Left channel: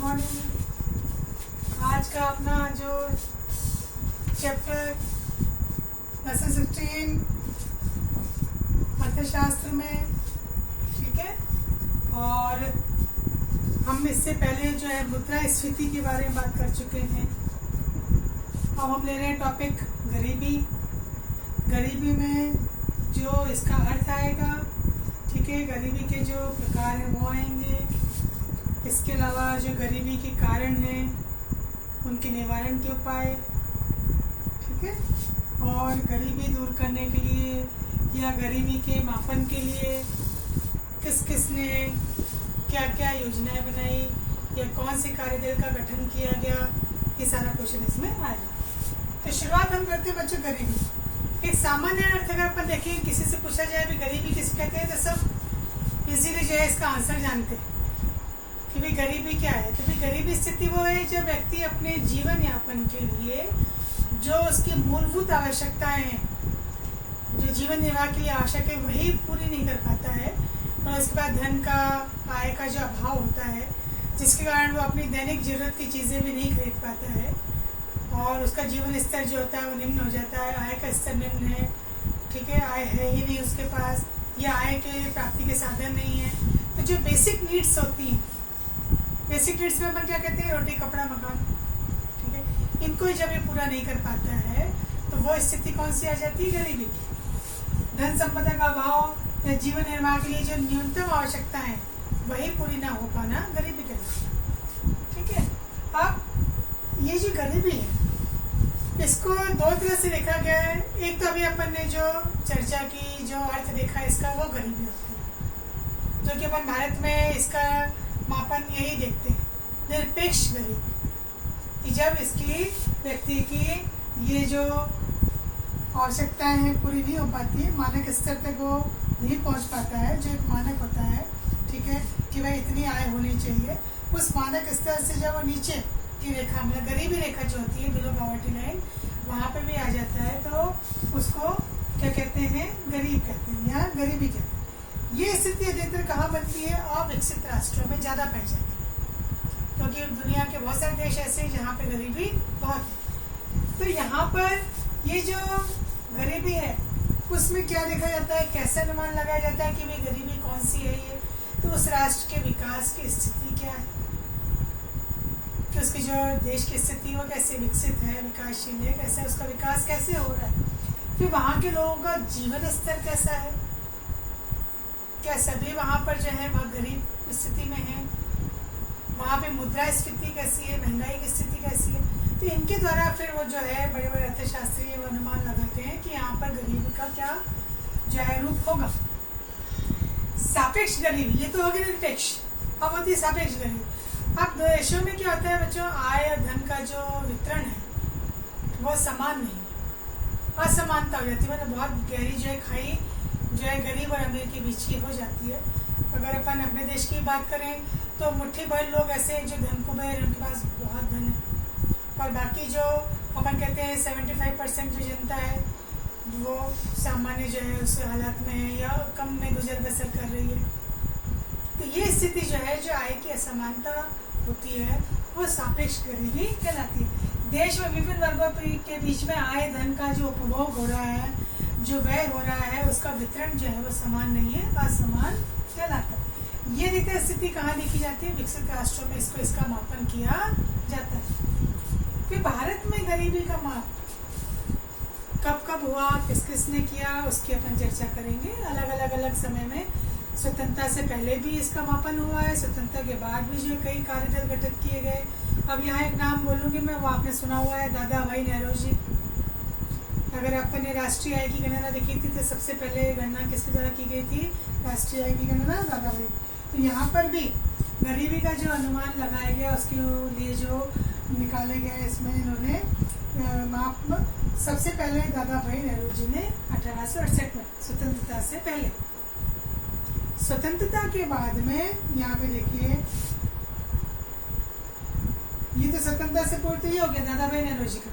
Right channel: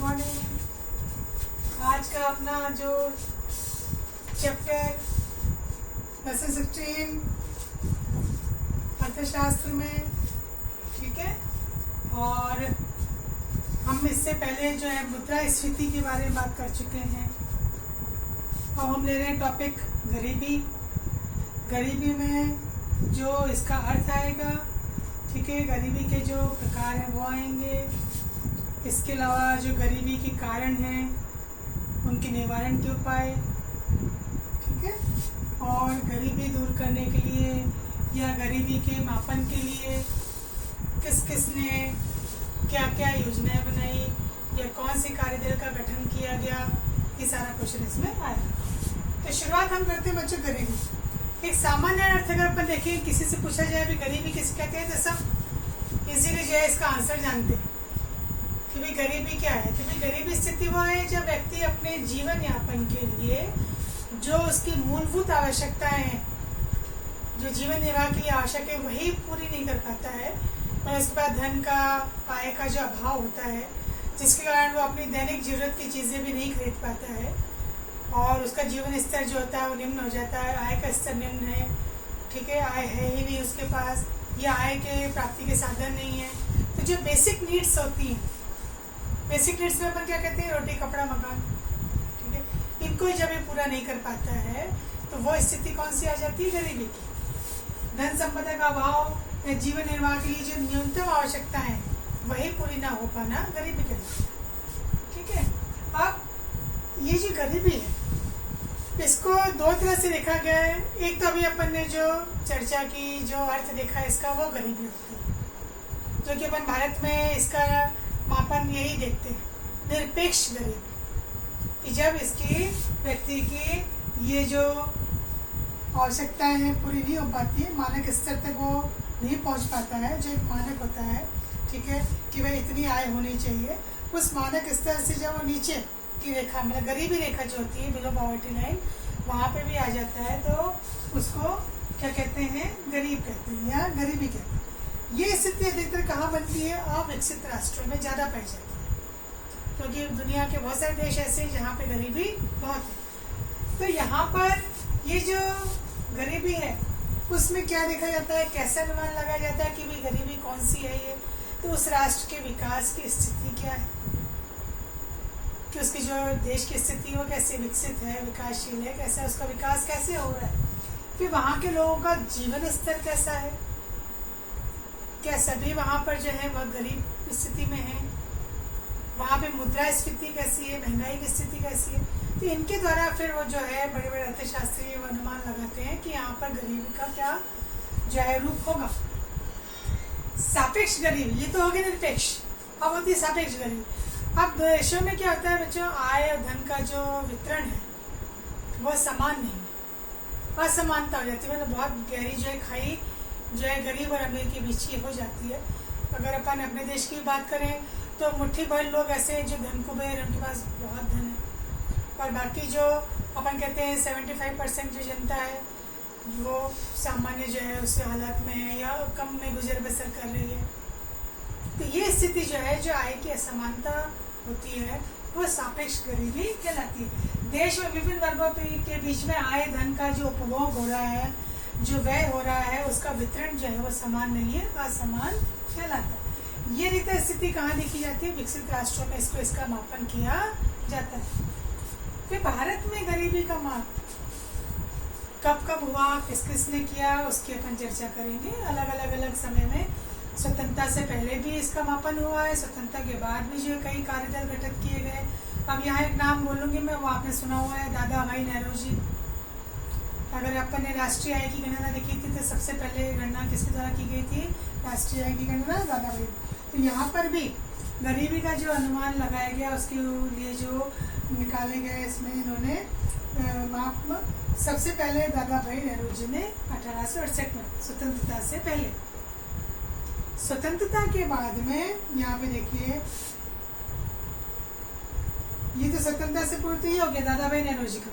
Morning. आज का अपना जो चैप्टर लेसन 16 अर्थशास्त्र में, ठीक है। और हम इससे पहले जो है मुद्रास्फीति के बारे में बात कर चुके हैं। और हम ले रहे हैं टॉपिक गरीबी। गरीबी में जो इसका अर्थ आएगा, ठीक है, गरीबी के जो प्रकार हैं वो आएंगे। इसके अलावा जो गरीबी के कारण हैं उनके निवारण के उपाय, ठीक है। और गरीबी दूर करने के लिए या गरीबी के मापन के लिए किस किस ने क्या क्या योजनाएं बनाई या कौन से कार्यदल का गठन किया गया, ये सारा क्वेश्चन इसमें आएगा। तो शुरुआत हम करते हैं बच्चों गरीबी। एक सामान्य अर्थ अगर अपन देखें, किसी से पूछा जाए भी गरीबी किसे कहते हैं, तो सब इजीली जो है इसका आंसर जानते हैं कि भाई गरीबी क्या है। तो भाई गरीबी स्थिति वो है जब व्यक्ति अपने जीवन यापन के लिए जो उसकी मूलभूत आवश्यकताएं हैं, जो जीवन निर्वाह के लिए आवश्यक है, वही पूरी नहीं कर पाता है। और उसके बाद धन का, आय का जो अभाव होता है, जिसके कारण वो अपनी दैनिक जरूरत की चीजें भी नहीं खरीद पाता है और उसका जीवन स्तर जो होता है वो निम्न हो जाता है। आय का स्तर निम्न है, ठीक है, आय है ही नहीं उसके पास, या आय के प्राप्ति के साधन नहीं है। तो जो बेसिक नीड्स होती हैं, बेसिक नीड्स में अपन क्या कहते हैं, रोटी कपड़ा मकान, ठीक है, इनको जब ये पूरा नहीं कर पाता है तो वो स्थिति कौन सी आ जाती है, गरीबी की। धन संपदा का अभाव या जीवन निर्वाह के लिए जो न्यूनतम आवश्यकता है वही पूरी ना हो पाना गरीबी कहलाता है, ठीक है। अब ये जो गरीबी है इसको दो तरह से देखा गया है। एक तो अभी अपन ने जो चर्चा की, जो अर्थ देखा इसका, वो गरीबी होती है, जो कि अपन भारत में इसका मापन यही देखते हैं, निरपेक्ष गरीबी, कि जब इसकी व्यक्ति की ये जो आवश्यकताएं हैं पूरी नहीं हो पाती है, मानक स्तर तक वो नहीं पहुंच पाता है। जो एक मानक होता है, ठीक है, कि भाई इतनी आय होनी चाहिए, उस मानक स्तर से जब वो नीचे की रेखा, मतलब गरीबी रेखा जो होती है, बिलो पॉवर्टी लाइन, वहां पे भी आ जाता है, तो उसको क्या कहते हैं, गरीब कहते हैं या गरीबी कहते हैं। ये स्थिति अधिकतर कहाँ बनती है, अविकसित राष्ट्रों में ज्यादा पाई जाती है, क्योंकि दुनिया के बहुत सारे देश ऐसे हैं जहाँ पे गरीबी बहुत है। तो यहाँ पर ये जो गरीबी है उसमें क्या देखा जाता है, कैसे अनुमान लगाया जाता है कि भाई गरीबी कौन सी है ये, तो उस राष्ट्र के विकास की स्थिति क्या है, कि उसकी जो देश की स्थिति वो कैसे विकसित है, विकासशील है, कैसा उसका विकास कैसे हो रहा है, फिर वहां के लोगों का जीवन स्तर कैसा है, क्या सभी वहां पर जो है वह गरीब स्थिति में है, वहां पे मुद्रास्फीति कैसी है, महंगाई की स्थिति कैसी है। तो इनके द्वारा फिर वो जो है बड़े बड़े अर्थशास्त्री वो अनुमान लगाते हैं कि यहाँ पर गरीबी का क्या जो है रूप होगा। सापेक्ष गरीबी, ये तो हो गई निरपेक्ष। अब होती है सापेक्ष गरीबी। अब देशों में क्या होता है बच्चों, आय और धन का जो वितरण है वो समान नहीं है, असमानता हो जाती है, मतलब बहुत गहरी जो है खाई जो है गरीब और अमीर के बीच की हो जाती है। अगर अपन अपने देश की बात करें तो मुट्ठी भर लोग ऐसे हैं जो धन कुबेर, उनके पास बहुत धन है, और बाकी जो अपन कहते हैं 75% जो जनता है वो सामान्य जो है उस हालात में है या कम में गुजर बसर कर रही है। तो ये स्थिति जो है, जो आय की असमानता होती है, वो सापेक्ष गरीबी कहलाती है। देश में विभिन्न वर्गों के बीच में आय धन का जो उपभोग हो रहा है, जो व्यय हो रहा है, उसका वितरण जो है वो समान नहीं है, असमान कहलाता है। ये रीति स्थिति कहाँ देखी जाती है, विकसित राष्ट्रों में इसको इसका मापन किया जाता है। फिर भारत में गरीबी का माप कब कब हुआ, किस किसने किया, उसकी अपन चर्चा करेंगे। अलग अलग समय में स्वतंत्रता से पहले भी इसका मापन हुआ है, स्वतंत्रता के बाद भी जो कई कार्यदल गठित किए गए। अब यहाँ एक नाम बोलूंगी मैं, वो आपने सुना हुआ है, दादा भाई नेहरू। अगर अपन ने राष्ट्रीय आय की गणना देखी थी तो सबसे पहले गणना किसके द्वारा की गई थी, राष्ट्रीय आय की गणना दादा भाई। तो यहाँ पर भी गरीबी का जो अनुमान लगाया गया उसके लिए जो निकाले गए, इसमें इन्होंने माप सबसे पहले दादा भाई नेहरू जी ने 1868 में, स्वतंत्रता से पहले। स्वतंत्रता के बाद में यहाँ पे देखिए, ये तो स्वतंत्रता से पूर्व ही हो गया दादा भाई नेहरू जी का,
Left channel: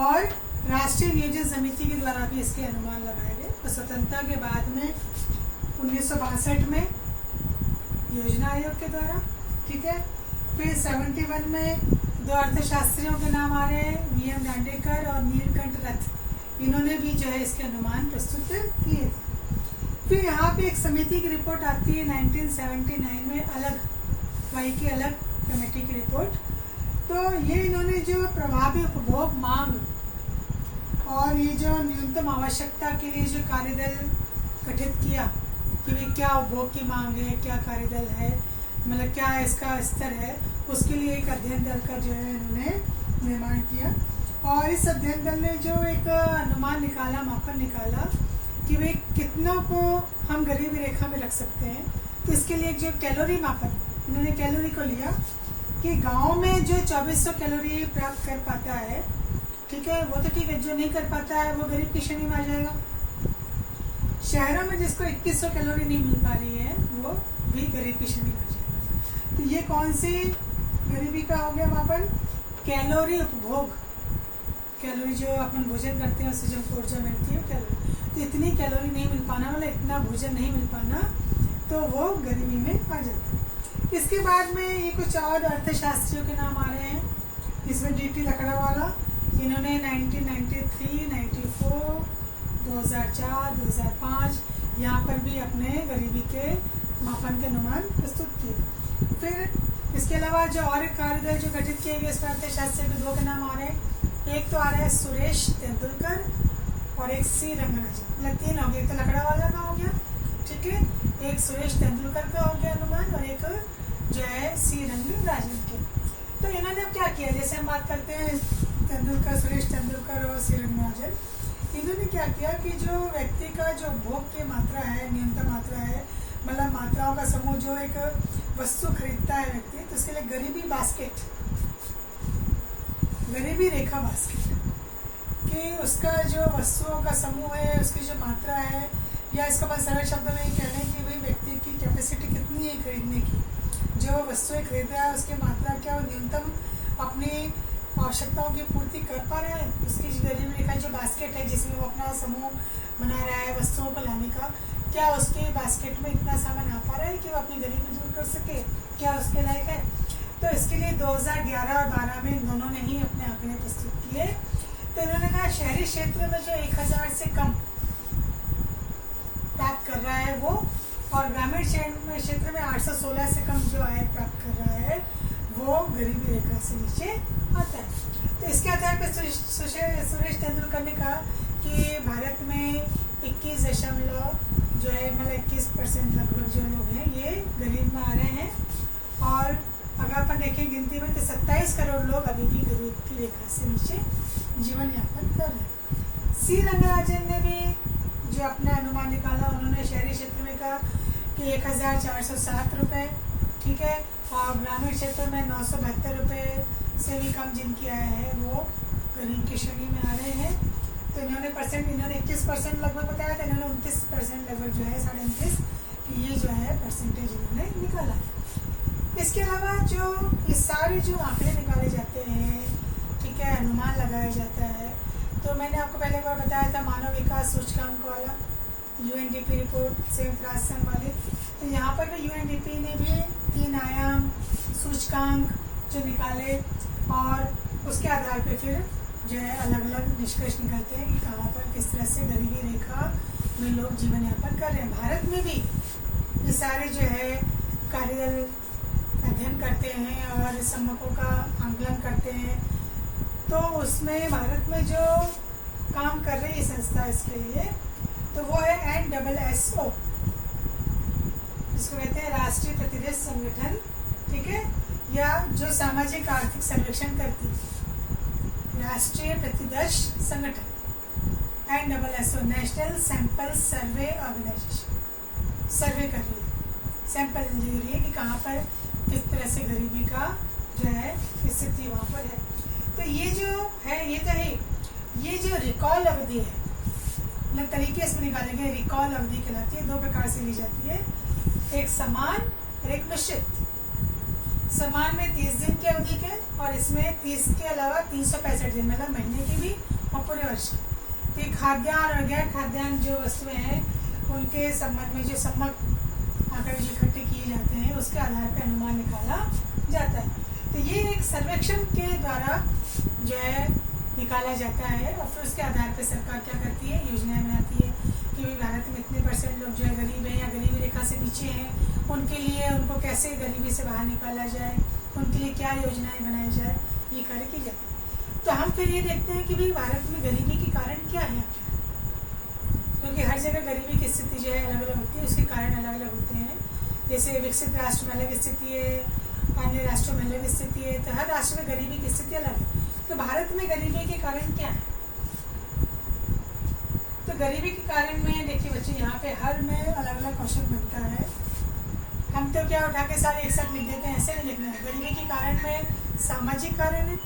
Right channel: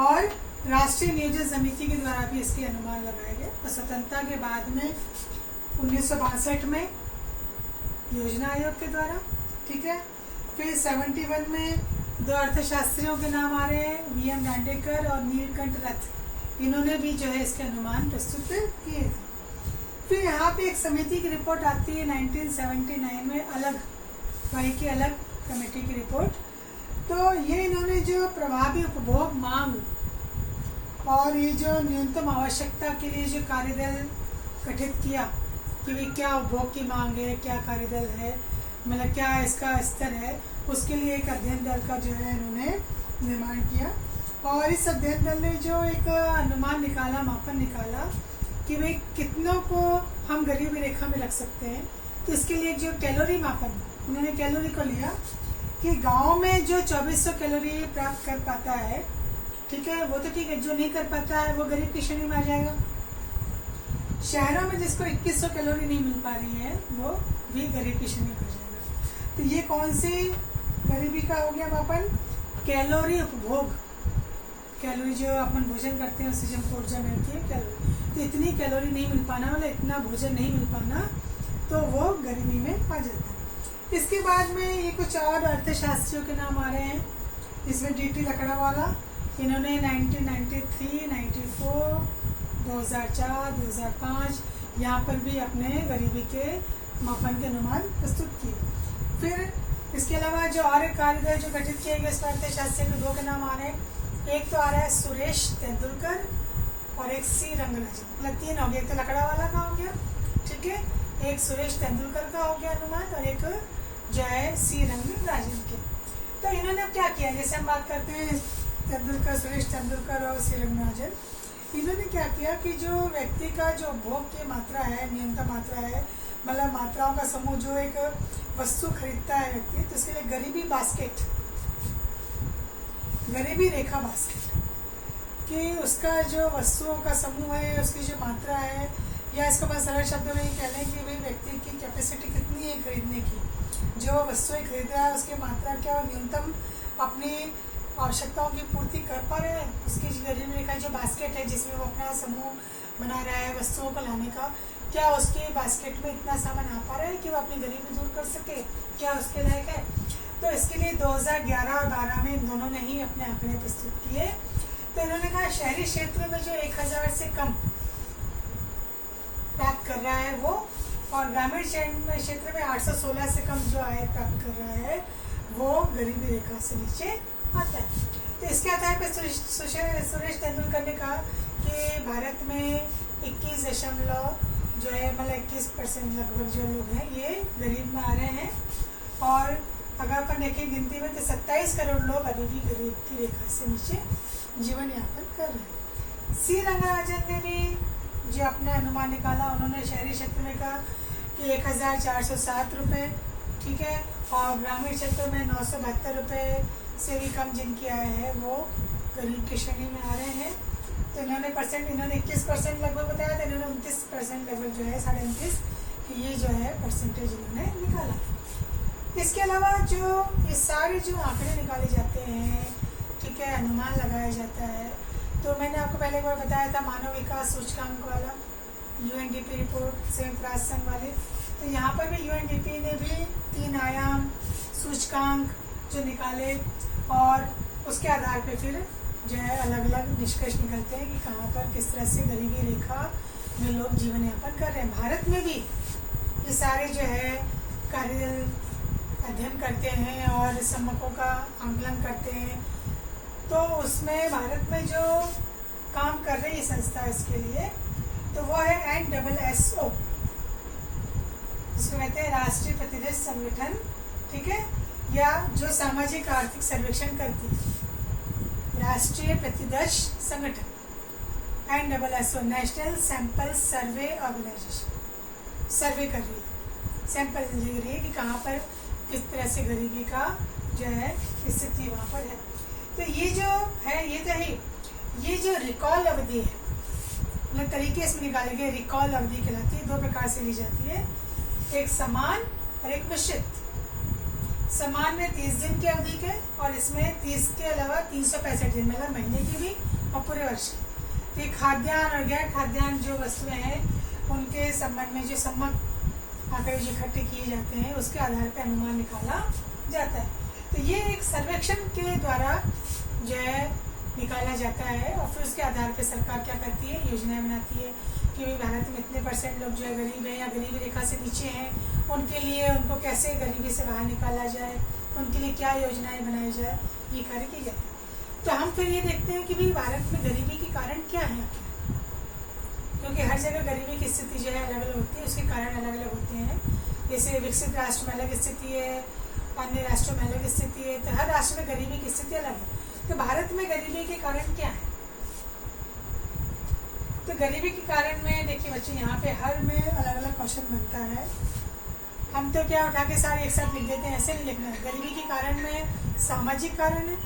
और राष्ट्रीय नियोजन समिति के द्वारा भी इसके अनुमान लगाए गए। और स्वतंत्रता के बाद में 1962 में योजना आयोग के द्वारा, ठीक है, फिर 71 में दो अर्थशास्त्रियों के नाम आ रहे हैं, वीएम दांडेकर और नीलकंठ रथ। इन्होंने भी जो है इसके अनुमान प्रस्तुत किए थे। फिर यहाँ पे एक समिति की रिपोर्ट आती है 1979 में, अलग वाई की अलग कमेटी की रिपोर्ट। तो ये इन्होंने जो प्रभावी उपभोग मांग और ये जो न्यूनतम आवश्यकता के लिए जो कार्यदल गठित किया कि भाई क्या उपभोग की मांग है, क्या कार्यदल है, मतलब क्या इसका स्तर है, उसके लिए एक अध्ययन दल का जो है इन्होंने निर्माण किया। और इस अध्ययन दल ने जो एक अनुमान निकाला, मापन निकाला कि भाई कितनों को हम गरीबी रेखा में रख सकते हैं। तो इसके लिए जो कैलोरी मापन, इन्होंने कैलोरी को लिया कि गांव में जो 2400 कैलोरी प्राप्त कर पाता है, ठीक है, वो तो ठीक है, जो नहीं कर पाता है वो गरीब की श्रेणी में आ जाएगा। शहरों में जिसको 2100 कैलोरी नहीं मिल पा रही है वो भी गरीब की श्रेणी में आ जाएगा। तो ये कौन सी गरीबी का हो गया मापन? कैलोरी उपभोग। कैलोरी जो अपन भोजन करते हैं उससे हमको ऊर्जा मिलती है, कैलोरी। तो इतनी कैलोरी नहीं मिल पाना, मतलब इतना भोजन नहीं मिल पाना, तो वो गरीबी में आ जाता है। इसके बाद में ये कुछ और अर्थशास्त्रियों के नाम आ रहे हैं। इसमें डीटी लकड़ावाला, इन्होंने 1993, 94, 2004, 2005 यहाँ पर भी अपने गरीबी के मापन के अनुमान प्रस्तुत किए। फिर इसके अलावा जो और एक कार्यदल जो गठित किए गए इसमें अर्थशास्त्री के दो के नाम आ रहे हैं। एक तो आ रहा है सुरेश तेंदुलकर और एक सी रंगराजन, मतलब तीन हो गए। एक तो लकड़ावाला का हो गया, ठीक है, एक सुरेश तेंदुलकर का हो गया अनुमान, और एक जो है सी रंगराजन के। तो इन्होंने क्या किया, जैसे हम बात करते हैं तेंदुलकर, सुरेश तेंदुलकर और सी रंगराजन, इन्होंने क्या किया कि जो व्यक्ति का जो भोग की मात्रा है, न्यूनतम मात्रा है, मतलब मात्राओं का समूह, जो एक वस्तु खरीदता है व्यक्ति, तो उसके लिए गरीबी बास्केट, गरीबी रेखा बास्केट, कि उसका जो वस्तुओं का समूह है, उसकी जो मात्रा है, या इसको बस सरल शब्दों में ये कह लें कि भाई व्यक्ति की कैपेसिटी कितनी है खरीदने की, जो वस्तुएं खरीद रहा है उसकी मात्रा क्या, और न्यूनतम अपनी आवश्यकताओं की पूर्ति कर पा रहे हैं, उसकी गरीबी रेखा जो बास्केट है जिसमें वो अपना समूह बना रहा है वस्तुओं को लाने का, क्या उसके बास्केट में इतना सामान आ पा रहा है कि वो अपनी गरीबी दूर कर सके, क्या उसके लायक है। तो इसके लिए 2011 और 12 में इन दोनों ने ही अपने आंकड़े प्रस्तुत किए। तो इन्होंने कहा शहरी क्षेत्र में जो 1000 से कम प्राप्त कर रहा है वो, और ग्रामीण क्षेत्र में 816 से कम जो आय प्राप्त कर रहा है वो गरीबी रेखा से नीचे आता है। तो इसके आधार पर सुरेश तेंदुलकर ने कहा कि भारत में 21 जो है, मतलब 21% लगभग जो लोग हैं ये गरीब में आ रहे हैं, और अगर अपन देखें गिनती में तो 27 करोड़ लोग अभी भी गरीब की रेखा से नीचे जीवन यापन कर रहे हैं। सी रंगराजन ने भी जो अपना अनुमान निकाला, उन्होंने शहरी क्षेत्र में कहा कि 1407 रुपये, ठीक है, और ग्रामीण क्षेत्र में 972 रुपये से भी कम जिनकी आय है वो गरीब की श्रेणी में आ रहे हैं। तो इन्होंने 21% लगभग बताया था, इन्होंने 29% लगभग जो है 29.5 कि ये जो है परसेंटेज इन्होंने निकाला। इसके अलावा जो ये सारे जो आंकड़े निकाले जाते हैं, ठीक है, अनुमान लगाया जाता है, तो मैंने आपको पहले एक बार बताया था मानव विकास सूचकांक वाला, यूएनडीपी रिपोर्ट, संयुक्त राष्ट्र संघ वाली। तो यहाँ पर भी यूएनडीपी ने भी 3 आयाम सूचकांक जो निकाले, और उसके आधार पे फिर जो है अलग अलग निष्कर्ष निकलते हैं कि कहाँ पर किस तरह से गरीबी रेखा में लोग जीवन यापन कर रहे हैं। भारत में भी ये सारे जो है कार्यदल अध्ययन करते हैं और सम्मकों का आंकलन करते हैं। तो उसमें भारत में जो काम कर रही है संस्था इसके लिए, तो वो है NSSO, जिसको कहते हैं राष्ट्रीय प्रतिदर्श संगठन, ठीक है, या जो सामाजिक आर्थिक सर्वेक्षण करती है, राष्ट्रीय प्रतिदर्श संगठन, NSSO, national sample survey organisation, survey कर रही है, सैंपल ले रही है कि कहाँ पर किस तरह से गरीबी का जो है स्थिति वहाँ पर है। तो ये जो है, ये तो है, ये जो रिकॉल अवधि है, मतलब तरीके इसमें निकाले गए, रिकॉल अवधि कहलाती है, 2 प्रकार से ली जाती है, एक समान और एक मिश्रित। समान में 30 दिन की अवधि के, और इसमें 30 के अलावा 365 दिन, मतलब महीने की भी और पूरे वर्ष की। तो ये खाद्यान्न और गैर खाद्यान्न जो वस्तुएं हैं उनके संबंध में जो सम्मक आंकड़े जो इकट्ठे किए जाते हैं उसके आधार पर अनुमान निकाला जाता है। तो ये एक सर्वेक्षण के द्वारा जो है निकाला जाता है और फिर उसके आधार पर सरकार क्या करती है, योजनाएं बनाती है कि भाई भारत में इतने % लोग जो है गरीब हैं या गरीबी रेखा से नीचे हैं, उनके लिए उनको कैसे गरीबी से बाहर निकाला जाए, उनके लिए क्या योजनाएं बनाई जाए, ये कार्य की जाती है। तो हम फिर ये देखते हैं कि भाई भारत में गरीबी के कारण क्या है आखिर, क्योंकि हर जगह गरीबी की स्थिति जो है अलग अलग होती है, उसके कारण अलग अलग होते हैं। जैसे विकसित राष्ट्र में अलग स्थिति है, अन्य राष्ट्रों में अलग स्थिति है, तो हर राष्ट्र में गरीबी की स्थिति अलग है। तो भारत में गरीबी के कारण क्या है? तो गरीबी के कारण में देखिए बच्चे, यहाँ पे हर में अलग अलग क्वेश्चन बनता है। हम तो क्या उठा के सारे एक साथ लिख देते हैं, ऐसे नहीं लिखना है। गरीबी के कारण में सामाजिक कारण है,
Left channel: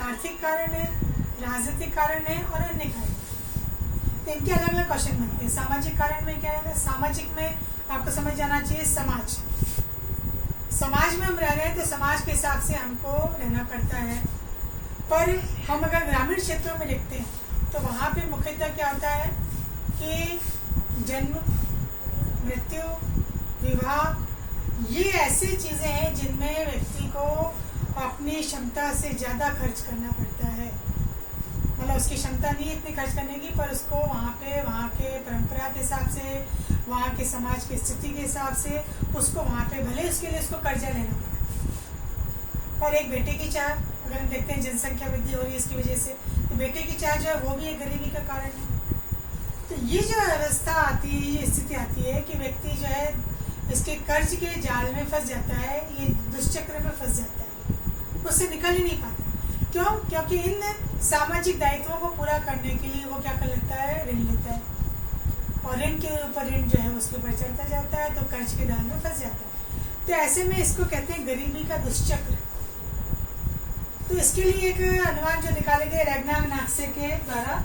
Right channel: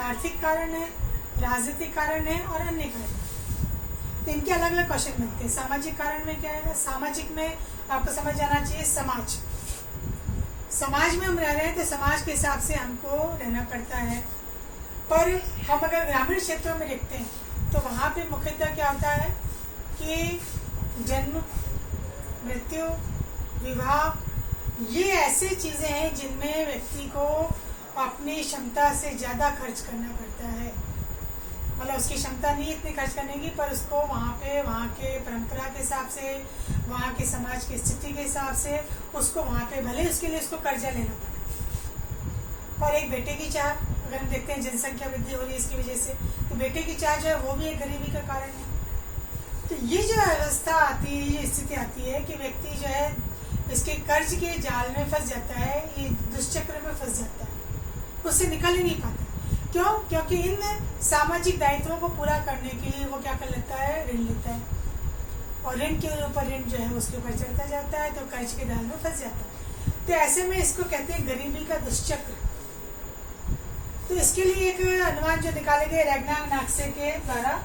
आर्थिक कारण है, राजनीतिक कारण है और अन्य कारण है। तो इनके अलग अलग क्वेश्चन बनते हैं। सामाजिक कारण में क्या है? सामाजिक में आपको समझ जाना चाहिए समाज में हम रह रहे हैं तो समाज के हिसाब से हमको रहना पड़ता है। पर हम अगर ग्रामीण क्षेत्रों में देखते हैं तो वहाँ पे मुख्यतः क्या होता है कि जन्म, मृत्यु, विवाह, ये ऐसी चीजें हैं जिनमें व्यक्ति को अपनी क्षमता से ज्यादा खर्च करना पड़ता है। मतलब उसकी क्षमता नहीं इतनी खर्च करने की, पर उसको वहाँ पे वहाँ के परंपरा के हिसाब से, वहाँ के समाज की स्थिति के हिसाब से उसको वहाँ पे भले उसके लिए उसको कर्जा लेना पड़े। पर एक बेटे की चाह, अगर हम देखते हैं जनसंख्या वृद्धि हो रही है इसकी वजह से, तो बेटे की चाह जो है वो भी एक गरीबी का कारण है। तो ये जो अवस्था आती है, ये स्थिति आती है कि व्यक्ति जो है इसके कर्ज के जाल में फंस जाता है, ये दुष्चक्र में फंस जाता है, उससे निकल ही नहीं पाता। क्यों? क्योंकि इन सामाजिक दायित्वों को पूरा करने के लिए वो क्या कर लेता है, ऋण लेता है, और ऋण के ऊपर ऋण जो है उसके ऊपर चढ़ता जाता है, तो कर्ज के जाल में फंस जाता है। तो ऐसे में इसको कहते हैं गरीबी का दुष्चक्र। तो इसके लिए एक अनुमान जो निकाले गए रेगनाग नाक्से के द्वारा,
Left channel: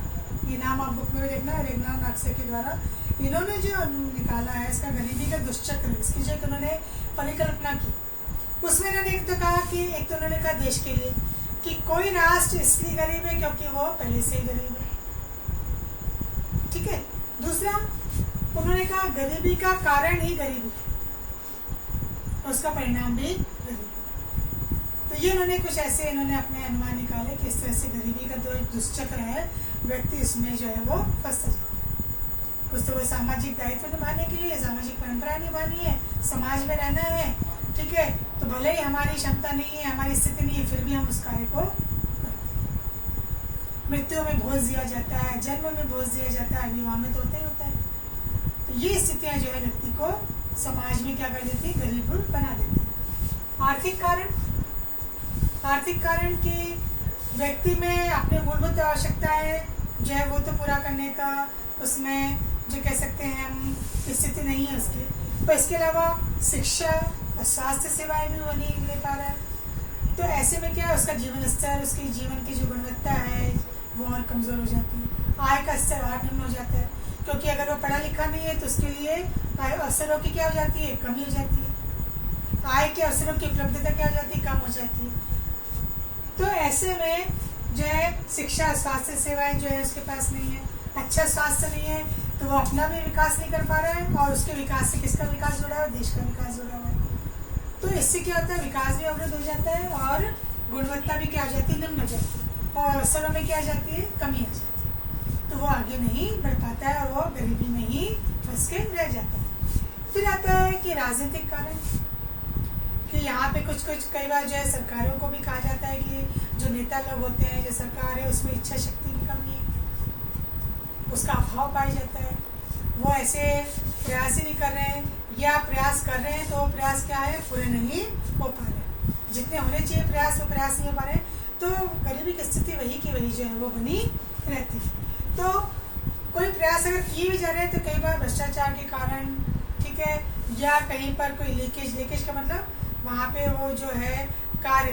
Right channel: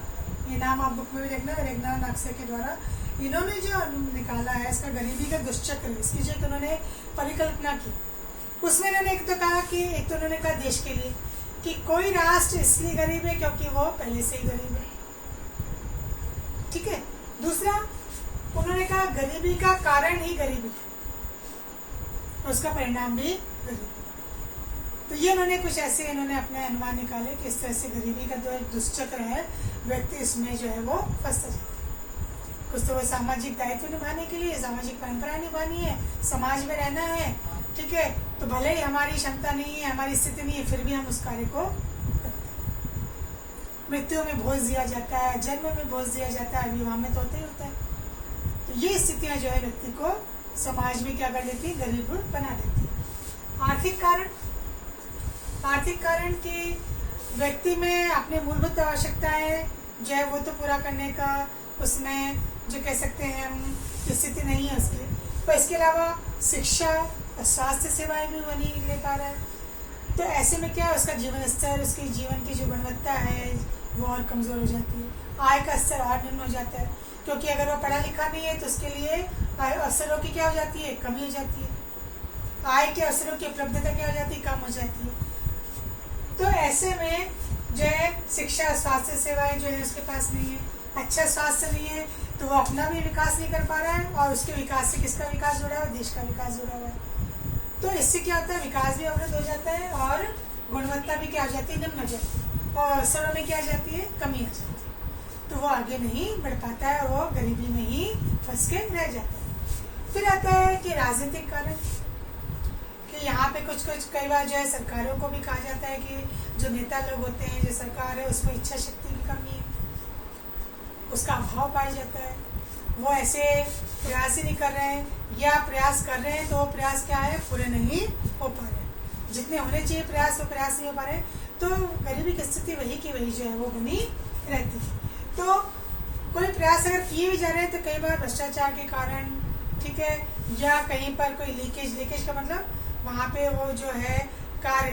ये नाम आप बुक में भी देखना, रेगनाग नाक्से के द्वारा इन्होंने जो निकाला है इसका गरीबी का दुष्चक्र, इसकी जो उन्होंने परिकल्पना की, उसमें इन्होंने एक तो कहा कि एक तो उन्होंने कहा देश के लिए कि कोई राष्ट्र इसलिए गरीब है क्योंकि वो पहले से ही गरीब है, ठीक है। दूसरा उन्होंने कहा गरीबी का कारण ही गरीबी है, उसका परिणाम भी गरीबी। तो ये उन्होंने कुछ ऐसे इन्होंने अपने अनुमान निकाले कि इस तरह से गरीबी का जो दुष्चक्र है व्यक्ति इसमें जो है वो फंसता जाता है। कुछ तो वो सामाजिक दायित्व निभाने के लिए, सामाजिक परंपरा निभानी है, समाज में रहना है, ठीक है, तो भले ही हमारी क्षमता नहीं है, हमारी स्थिति नहीं है, फिर भी हम उस कार्य को मृत्यु में बोझ दिया जाता है, जन्म में बोझ दिया जाता है, विवाह में तो होता ही होता है। तो ये स्थितियां जो है व्यक्ति को समाज में क्या कर देती है, गरीब बना देती है। आर्थिक कारण की व्यक्ति में अपने मूलभूत आवश्यकताएं जो है वो तो पूरा करने का उसमें जो कह सकते हैं हम स्थिति नहीं है उसकी, पर इसके अलावा शिक्षा और स्वास्थ्य सेवाएं भी वो नहीं ले पा रहा है। तो ऐसे में क्या है, उसका जीवन स्तर, उसके जीवन की जो गुणवत्ता है वो और कमजोर हो जाती है, आय का स्तर और निम्न हो जाता है, क्योंकि अगर वो पढ़ा लिखा नहीं है तो उसके लिए अवसरों की क्या हो जाती है, कमी हो जाती है, आय के अवसरों की उपलब्धता क्या हो जाती है, कम हो जाती है। तो ऐसे में जो है शिक्षा स्वास्थ्य सेवाएं जो है उसके पास नहीं है, अच्छा स्वास्थ्य नहीं है, तो वो अपना भी विकास नहीं कर पा रहा है, और उसके विकास से किसका विकास जुड़ा है, देश का विकास जुड़ा हुआ है। तो इससे क्या होता है, विकास भी अवरुद्ध हो जाता है और गुणवत्ता भी क्या हो जाती है, निम्न हो जाती है, और अवसरों में क्या आ जाती है, कमी आ जाती है। तो वो आगे नहीं बढ़ पाता है और वो गरीबी में ही फंस के रह जाता है। फिर आता है कि राजनीतिक कारण, कि यहाँ पे कुछ कई बार जो है सरकारों को भी कहा जाता है कि जो नेता लोग होते हैं, जो सरकार है, उसमें इच्छा शक्ति की कमी है, उसका अभाव पाया जाता है, वो ऐसे प्रयास ही नहीं कर रहे हैं, या प्रयास कर रहे हैं तो वो प्रयास क्या है, पूरे नहीं हो पा रहे, जितने होने चाहिए प्रयास वो प्रयास नहीं हो पा रहे, तो गरीबी की स्थिति वही की वही जो है वो बनी रहती है। तो कोई प्रयास अगर किए भी जा रहे हैं तो कई बार भ्रष्टाचार के कारण, ठीक है, या कहीं पर कोई लीकेज का मतलब वहाँ पे वो जो है कार्य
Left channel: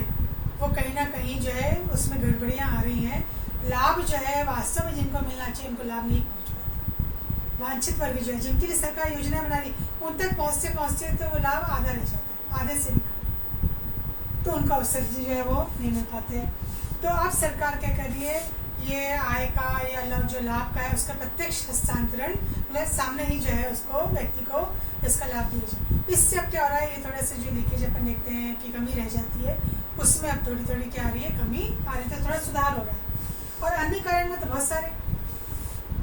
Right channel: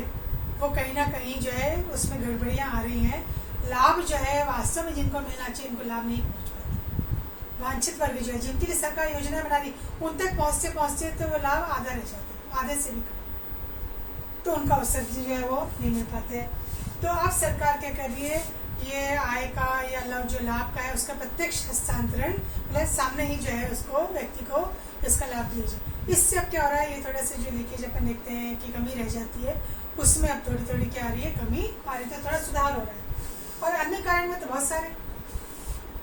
वो कहीं ना कहीं जो है उसमें गड़बड़ियां आ रही हैं, लाभ जो है वास्तव में जिनको मिलना चाहिए उनको लाभ नहीं पहुंच पाता, वांछित वर्ग जो है जिनके लिए सरकार योजना बना रही उन तक पहुंचते तो वो लाभ आधा रह जाता है, आधे से भी कम, तो उनका अवसर जो है वो नहीं मिल पाते हैं। तो अब सरकार क्या कर रही है, ये आय का या जो लाभ का है उसका प्रत्यक्ष हस्तांतरण मतलब सामने ही जो है उसको व्यक्ति को इसका लाभ दिया जाए। इससे अब क्या हो रहा है, ये थोड़ा सा जो लीकेज अपन देखते हैं कि कमी रह जाती है, उसमें अब थोड़ी थोड़ी क्या आ रही है, कमी आ रही है, तो थोड़ा सुधार हो रहा है। और अन्य कारण में तो बहुत सारे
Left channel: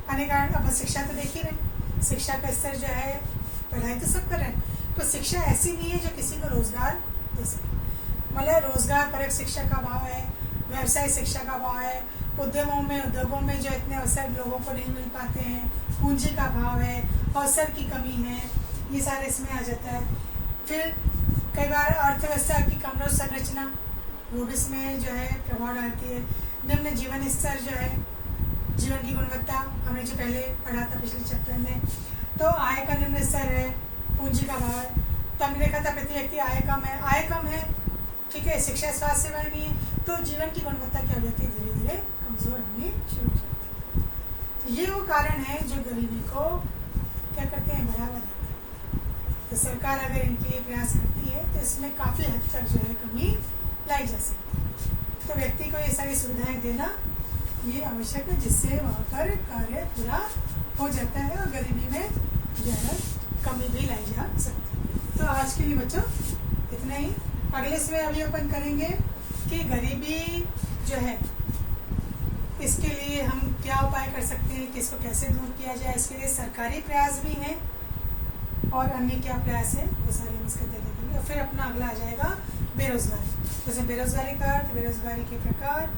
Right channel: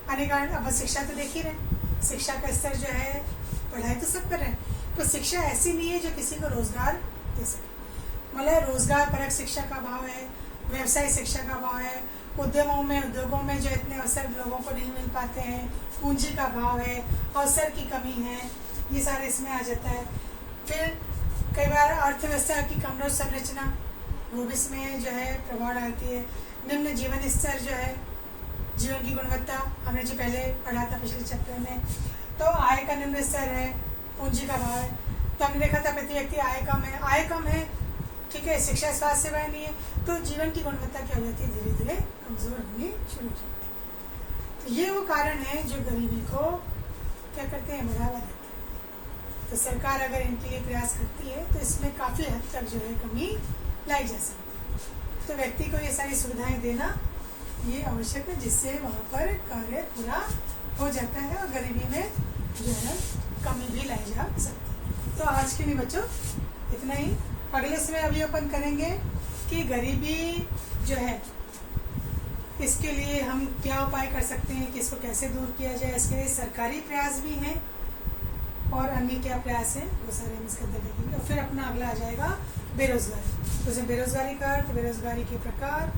अन्य कारण, अब शिक्षा तो देख ही रहे, शिक्षा का स्तर जो है, पढ़ाई तो सब कर रहे हैं, तो शिक्षा ऐसी नहीं है जो किसी को रोजगार दे सके। मतलब रोजगार परक शिक्षा का अभाव है, व्यवसाय शिक्षा का अभाव है, उद्योगों में जो इतने अवसर लोगों को नहीं मिल पाते हैं, पूंजी का अभाव है, अवसर की कमी है, ये सारे इसमें आ जाता है। फिर कई बार अर्थव्यवस्था की कमजोर संरचना, वो भी इसमें जो है प्रभाव डालती है। निम्न जीवन स्तर जो है, जीवन की गुणवत्ता, हमने जो पहले पढ़ा था पिछले चैप्टर में, तो आय का निम्न स्तर है, पूंजी का अभाव है। तो हमने देखा था प्रति व्यक्ति आय कम है, ठीक है, शिक्षा स्वास्थ्य सेवाएं नहीं है, तो जीवन की गुणवत्ता क्या हो जाती है, धीरे धीरे कमजोर होनी शुरू हो जाती है। तो ये वो कारण है जो गरीबी को क्या करते हैं, बढ़ावा देते हैं। तो सरकार अगर इनके लिए प्रयास करती है तो इसमें काफी हद तक जो है कमी लाई जा सकती है। तो व्यक्ति को ये सारी सुविधाएं देना ये आवश्यक है, जिससे वहाँ पर कार्य पूरा हो जाता है और गरीबी में जो है कमी भी लाई जा सकती है। तो आज के लिए बच्चों इतना ही। अगले समय अभी अपन करेंगे कि गरीबी जो है, इसके लिए हम क्या उपाय कर सकते हैं, कि इसको कैसे दूर किया जाए। इसके लिए सरकारी प्रयास भी हैं और अन्य क्या प्रयास हैं, वो सारे हम इसका देखेंगे। और फिर अपना अगला आ जाएगा बेरोजगारी। जैसे बेरोजगारी का अर्थ, बेरोजगारी के प्रकार,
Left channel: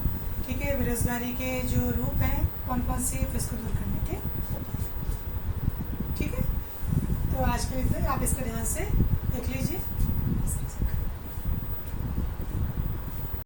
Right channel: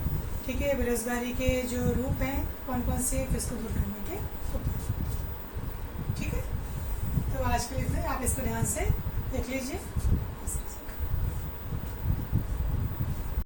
ठीक है, बेरोजगारी के जो रूप हैं कौन कौन से, फिर इसको दूर करने के उपाय। ठीक है, तो आज के लिए आप इसको ध्यान से देख लीजिए।